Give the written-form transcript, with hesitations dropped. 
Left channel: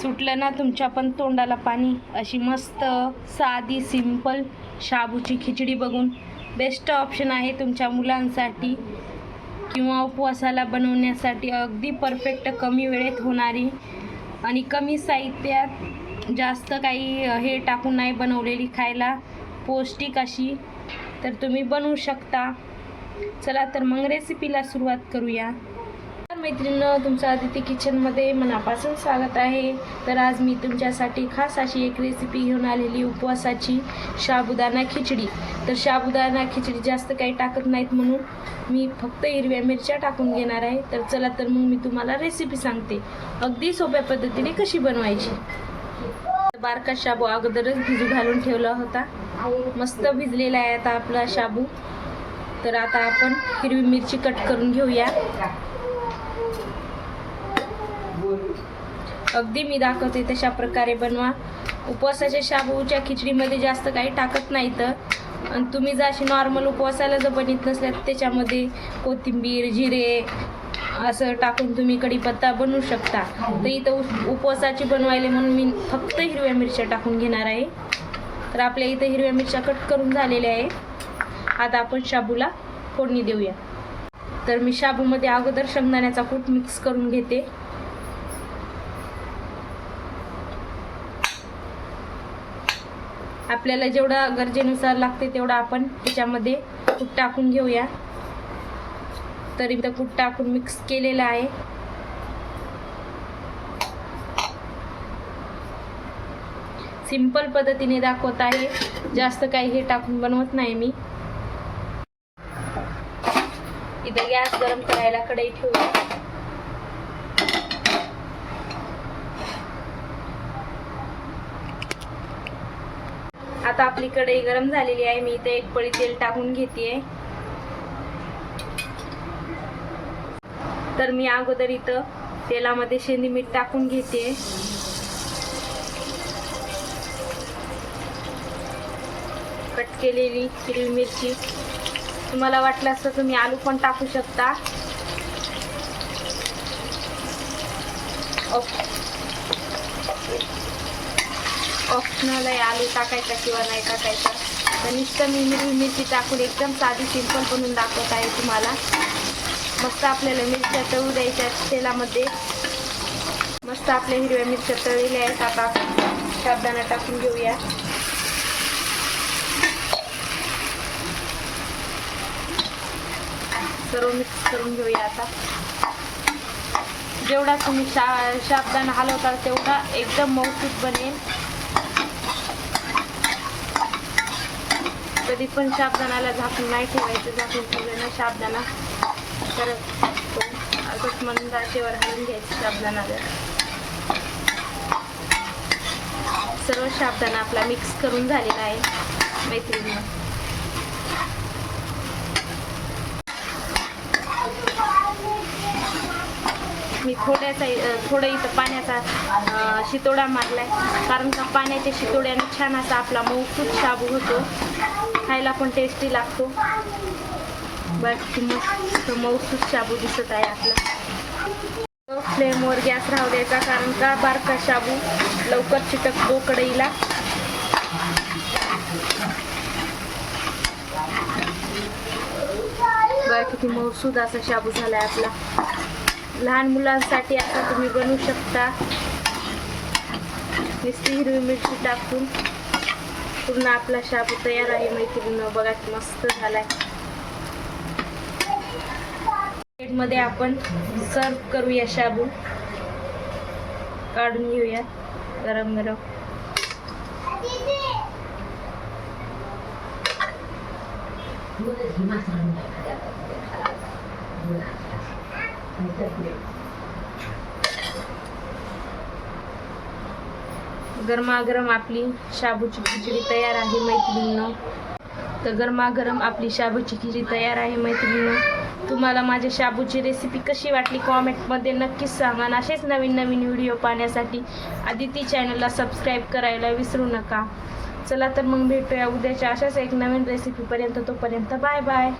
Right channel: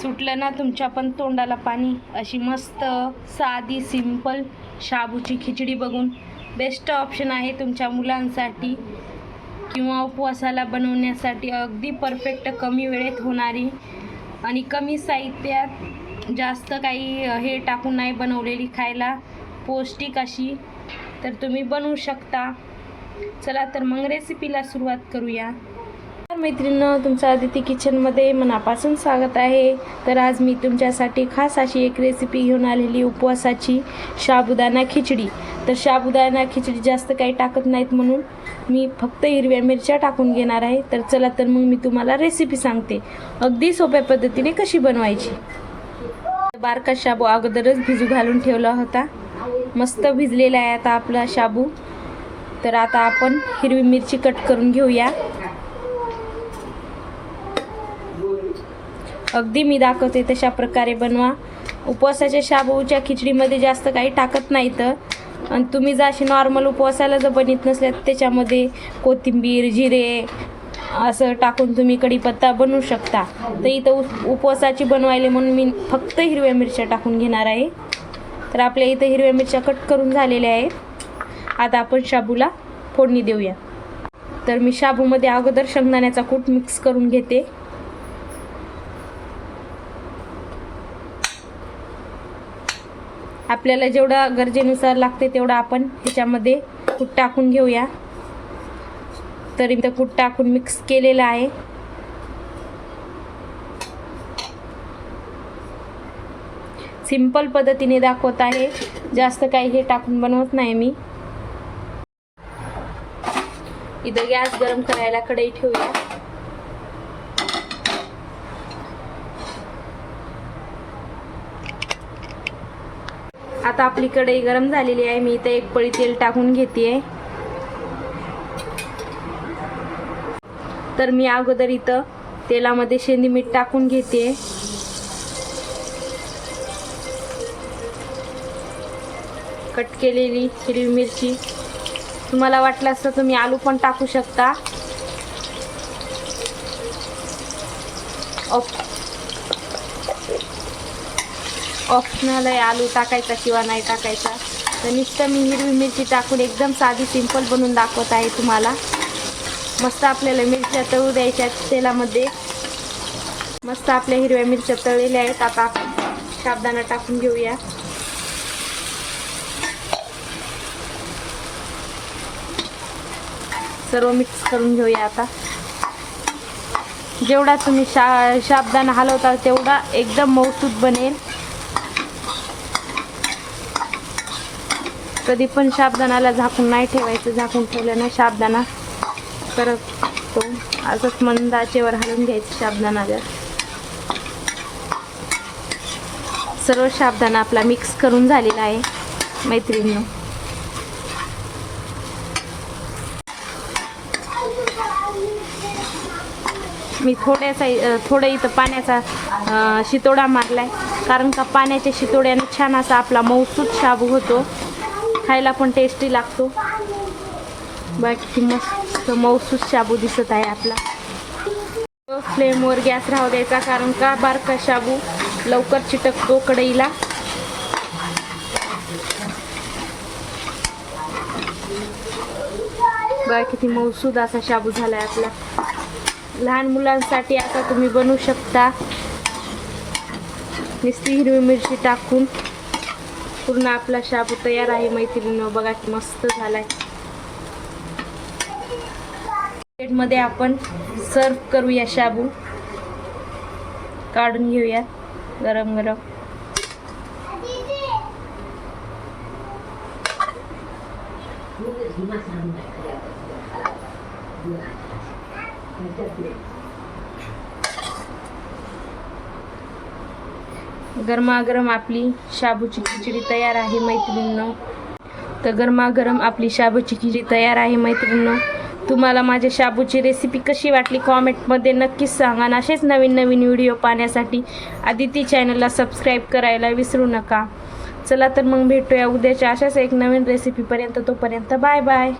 सुटलं ना तुमच्या पण तोंडाला पाणी. अशी मस्त साधी सिंपल शाबूची खिचडी बघून बेस्ट ऑप्शन आहे तुमच्या मुलांसाठी किंवा उपवासाला बनवण्यासाठी. अगदी परफेक्ट, कमी वेळेत होणारी आणि कमी साहित्यात, जास्त काही हे टाकून नाही बनवलेली, खायला पौष्टिक अशी तर तुम्ही बनवू शकता. चला तर मग रेसिपीला सुरुवात करूया. मैत्रिणींनो, तुमचं आदिती किचनमध्ये मनापासून स्वागत आहे. तर आज मी तुमच्यासाठी खास अशी एक रेसिपी घेऊन आलेली, उपवासाची साबुदाणा खिचडी. तर साबुदाणा खिचडी जास्त काही टाकत नाहीत म्हणून मी फक्त हिरव्या मिरच्या टाकून घेणार आहे. तर चला तर मग मी तुम्हाला रेसिपी सांगते अगदी सोप्या पद्धतीने कशी बनवायची. बारका शाबू अगोदरच भिजू घालून ठेवला होता, मस्त भिजलेला आहे आता आपला शाबू. तर आता आपण हिरवी मिरची कट करून घेऊया. अगदी मी दाखवते तशा प्रकारे बनवा. उपवासाच्या शाबूच्या खिचडीमध्ये जास्त काही टाकत नाहीत आणि तुम्ही जर अशी नॉर्मल उपवासाला जर बनवत नसल्यात त्याच्यामध्ये कोथिंबीर, जिरे असं टाकून तुम्ही कढीपत्ता बनवू शकता. तर इथं उपवासाची बनवायला म्हणून मी फक्त हिरव्या मिरच्या टाकून घेणार आहे. तर आपल्या इथं हिरव्या मिरच्या कट करून झालेल्या आहे. आता आपण शाबूला फोडणी देऊया. तर मी शाबूमध्ये अगोदर शेंगदाण्याचा कूट मिक्स करून घेते. आपल्याला जेवढा गरजेनुसार लागते तेवढा आपण ह्याच्यामध्ये कूट टाकून घेऊया. तर इथं कूट टाकून मिक्स केलेलं आहे. सिंपल पद्धतीने दाखवत आहे, जास्त काही हे टाकून बनवत नाही मी. इथं गॅस गरम करायला कढई ठेवूया. आता आपली कढई गरम झालेली आहे. मी इथे एक पळी तेल टाकून घेते. तर मी अगोदर इथं तेलामध्ये शेंदी मीठ टाकून घेते. कट केलेली हिरवी मिरची, तुम्हाला वाटल्यास तर तुम्ही आलू पण टाकू शकता. ऑप्शनल आहे आलू टाकायचा किंवा नाही टाकायचा. तर नुसतं मी हिरवी मिरची टाकून एकदम साधी सिंपल बनवून दाखवत आहे तुम्हाला. मस्त आपल्याला मिरच्या तळू द्यायच्या तेलामध्ये. मस्त आपल्या हिरव्या मिरच्या तळलेल्या आहेत. आता साबुदाणा टाकून घेऊया. सर्व मिक्स करून घेऊया. आता जेवढा तुम्ही साबुदाणा हलवता तेवढा एकदम मऊसूत बनेल. कधी पण साबुदाण्याला झाकून नाही ठेवायचं. झाकून ठेवलं ना साबुदाणा परत असंच मंद आचेवर हलवून घ्यायचं साबुदाण्याला. सर्व साबुदाणा आपला मिक्स करून झालेला आहे मैत्रिणी. मी थोडं इथं पाण्याचा शितोडा मारलाय, कारण का पाण्याच्या शितोड्याने छान असा आपला मऊसूत शाबू होतो, खायला पण टेस्टी लागतो. बाकी मस्त मऊसूत शाबू दिसत आहे आपला. फ्लेमवर गॅस राहू द्यायचा, कारण का बारका शाबू लवकर चिटकतो कढईला. बघा किती मऊसूद असा शाबू झालाय आपला. लहान मुलांसाठी आता तुम्ही बनवू शकता. नुसती हिरवी मिरची टाकून पूर्ण आपला शाबू तयार आहे मैत्रिणींनो. बघा की मस्त झालाय. प्लेटमध्ये आपण सर्व करूया. शाबू काढून घेऊया गरम गरम. गरमागरम आपली शाबूची खिचडी तयार आहे मैत्रिणींनो. तर गरमागरम आपली शाबूची खिचडी तयार आहे मैत्रिणींनो. तुम्हाला माझ्या शाबूची रेसिपी कशी वाटली कॉमेंटमध्ये नक्कीच सांगा. आणि असेच नवीन नवीन व्हिडिओ पाहण्यासाठी आदिती चॅनलला सबस्क्राईब करायला विसरू नका. चला तर मग भेटूया उद्याच्या अशाच एक नवीन रेसिपीपर्यंत. तोपर्यंत बाय बाय.